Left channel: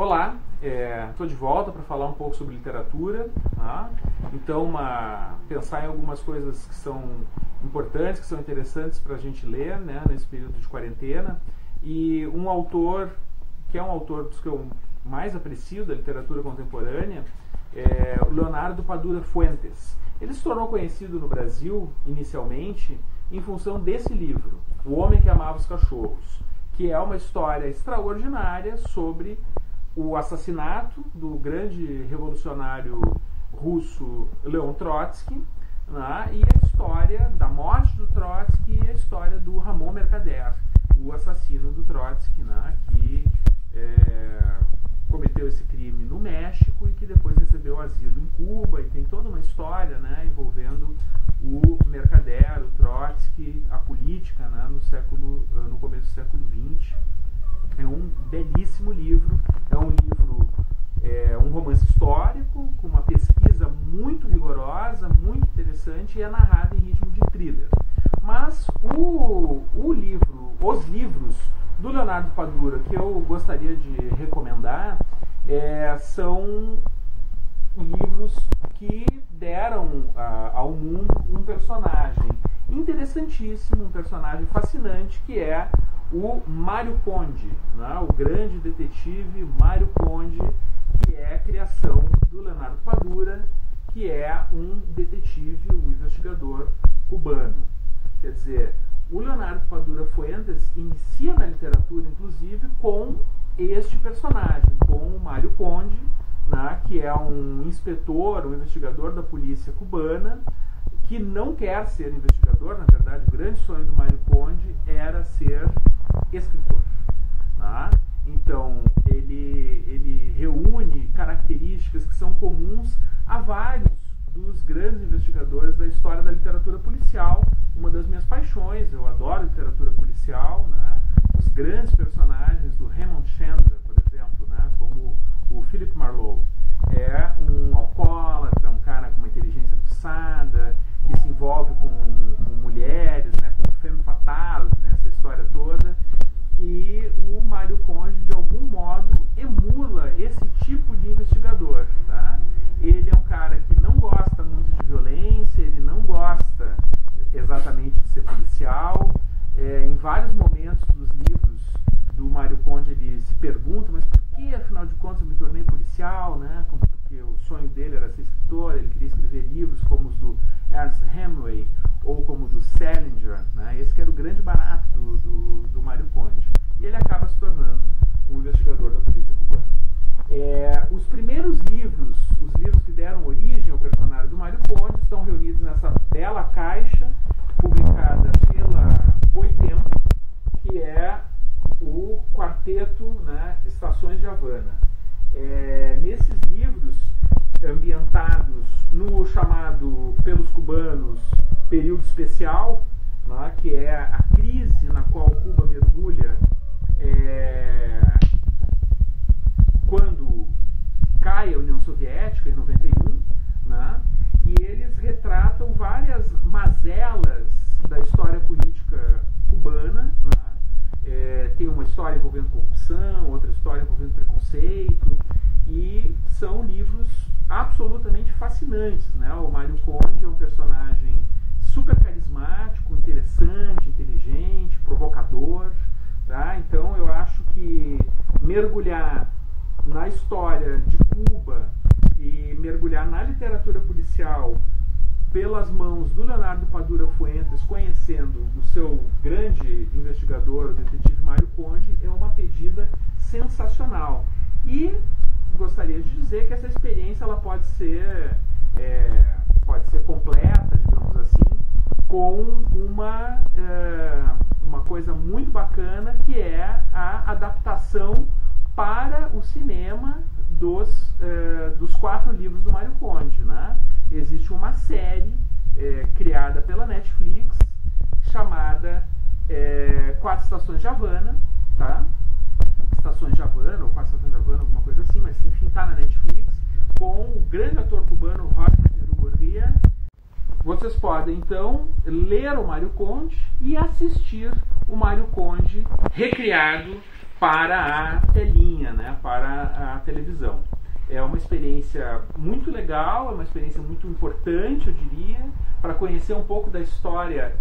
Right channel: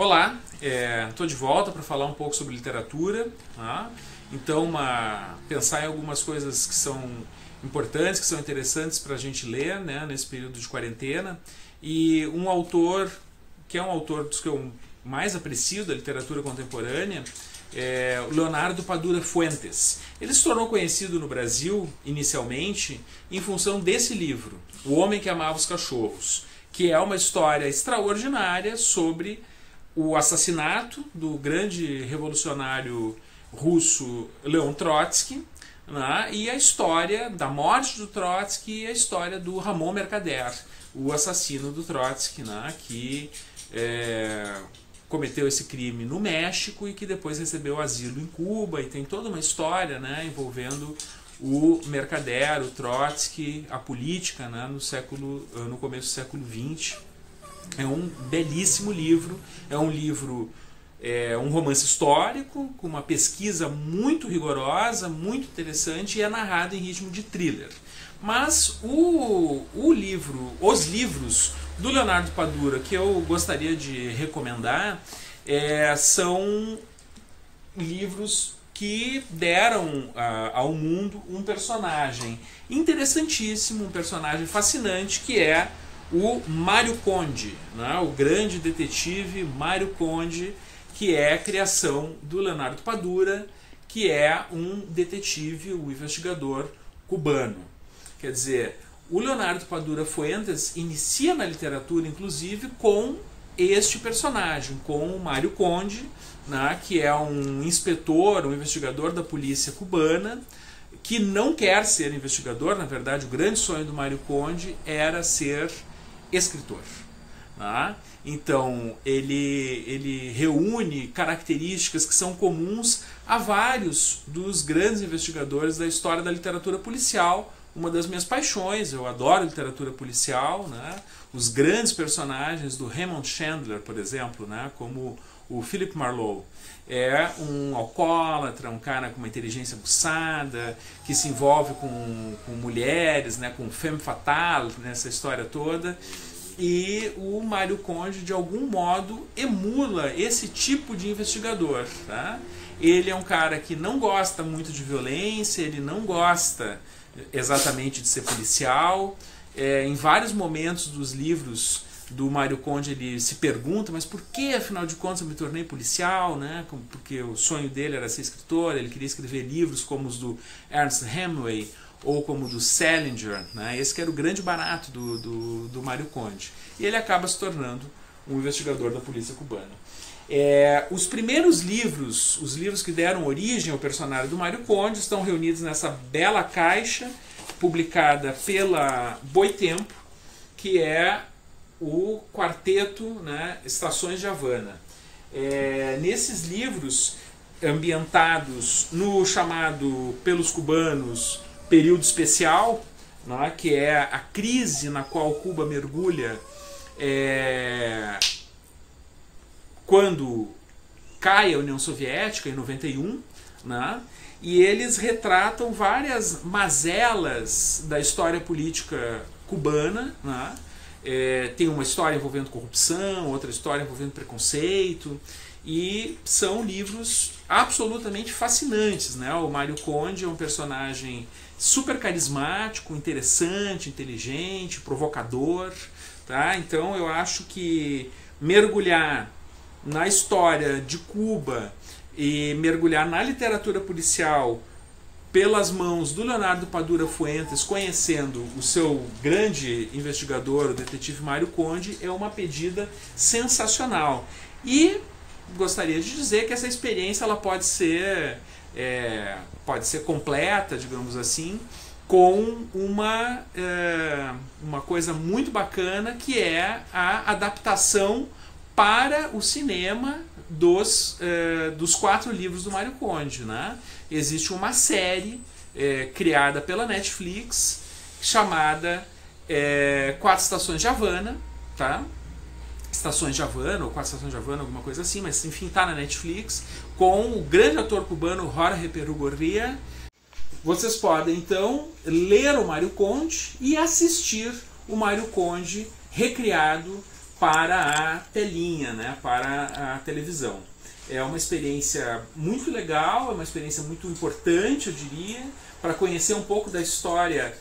Olá, estou de volta para falar um pouco sobre literatura, tá? Então pensar em algumas coisas que são importantes, que são interessantes para a gente ler, né, nesse período de quarentena. E um autor, que é um autor dos que eu mais aprecio da literatura contemporânea, é o Leonardo Padura Fuentes. Ele se tornou conhecido no Brasil, inicialmente, em função desse livro, O Homem que Amava os Cachorros, que é uma história extraordinária sobre o assassinato do grande revolucionário russo Leon Trotsky, né, e a história da morte do Trotsky e a história do Ramon Mercader, o assassino do Trotsky, né, que cometeu esse crime no México e que depois recebeu asilo em Cuba, e tem toda uma história, né, envolvendo o Mercader, o Trotsky, a política, né, no começo do século XX. É um belíssimo livro, é um livro, um romance histórico, com uma pesquisa muito rigorosa, muito interessante, e é narrado em ritmo de thriller. Mas os livros do Leonardo Padura que eu gostaria de recomendar são livros que deram ao mundo um personagem interessantíssimo, um personagem fascinante, que é o Mário Conde, né? O grande detetive Mário Conde, que é a criação do Leonardo Padura, que é um detetive, um investigador cubano. Quer dizer, o Leonardo Padura Fuentes inicia na literatura, inclusive, com este personagem, com o Mário Conde, né? Que é um inspetor, um investigador da polícia cubana, que não quer ser investigador. Na verdade, o grande sonho do Mário Conde era ser escritor. Tá? Então, ele reúne características que são comuns a vários dos grandes investigadores da história da literatura policial. Uma das minhas paixões, eu adoro literatura policial, né? Os grandes personagens do Raymond Chandler, por exemplo, né? Como o Philip Marlowe. É um alcoólatra, um cara com uma inteligência aguçada, que se envolve com mulheres, né, com femme fatale, nessa história toda. E o Mário Conde, de algum modo, emula esse tipo de investigador. Tá? Ele é um cara que não gosta muito de violência, ele não gosta exatamente de ser policial. Em vários momentos dos livros do Mário Conde, ele se pergunta, mas por que, afinal de contas, eu me tornei policial, né? Porque o sonho dele era ser escritor, ele queria escrever livros como os do Ernest Hemingway ou como o do Salinger, né? Esse que era o grande barato do Mário Conde. E ele acaba se tornando um investigador da polícia cubana. Os primeiros livros, os livros que deram origem ao personagem do Mário Conde, estão reunidos nessa bela caixa, publicada pela Boitempo, que é o quarteto, né, Estações de Havana. Nesses livros, ambientados no chamado pelos cubanos período especial, né, que é a crise na qual Cuba mergulha quando cai a União Soviética, em 91, né, e eles retratam várias mazelas da história política cubana, né. Tem uma história envolvendo corrupção, outra história envolvendo preconceito, e são livros absolutamente fascinantes, né? O Mário Conde é um personagem super carismático, interessante, inteligente, provocador, tá? Então eu acho que mergulhar na história de Cuba e mergulhar na literatura policial pelas mãos do Leonardo Padura Fuentes, conhecendo o seu grande investigador, o detetive Mário Conde, é uma pedida sensacional. E gostaria de dizer que essa experiência ela pode ser completa, digamos assim, com uma coisa muito bacana, que é a adaptação para o cinema dos 4 livros do Mário Conde, né? Existe uma série criada pela Netflix chamada 4 Estações de Havana, tá? Estações de Havana, ou 4 Estações de Havana, alguma coisa assim, mas enfim, está na Netflix, com o grande ator cubano Jorge Perugorría. Vocês podem então ler o Mário Conde e assistir o Mário Conde recriado para a telinha, né, para a televisão. É uma experiência muito legal, é uma experiência muito importante, eu diria, para conhecer um pouco da história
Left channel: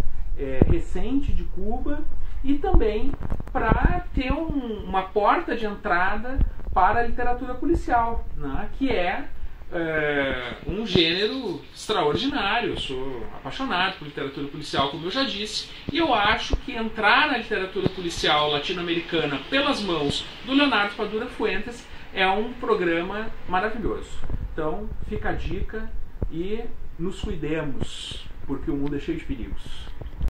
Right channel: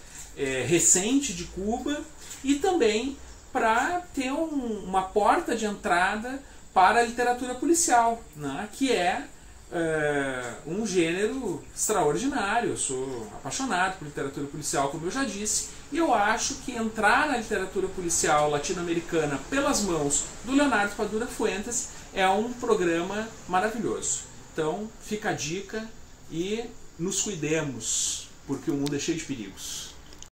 recente de Cuba e também para ter uma porta de entrada para a literatura policial, né, que é um gênero extraordinário. Eu sou apaixonado por literatura policial, como eu já disse, e eu acho que entrar na literatura policial latino-americana pelas mãos do Leonardo Padura Fuentes é um programa maravilhoso. Então fica a dica e nos cuidemos, porque o mundo é cheio de perigos.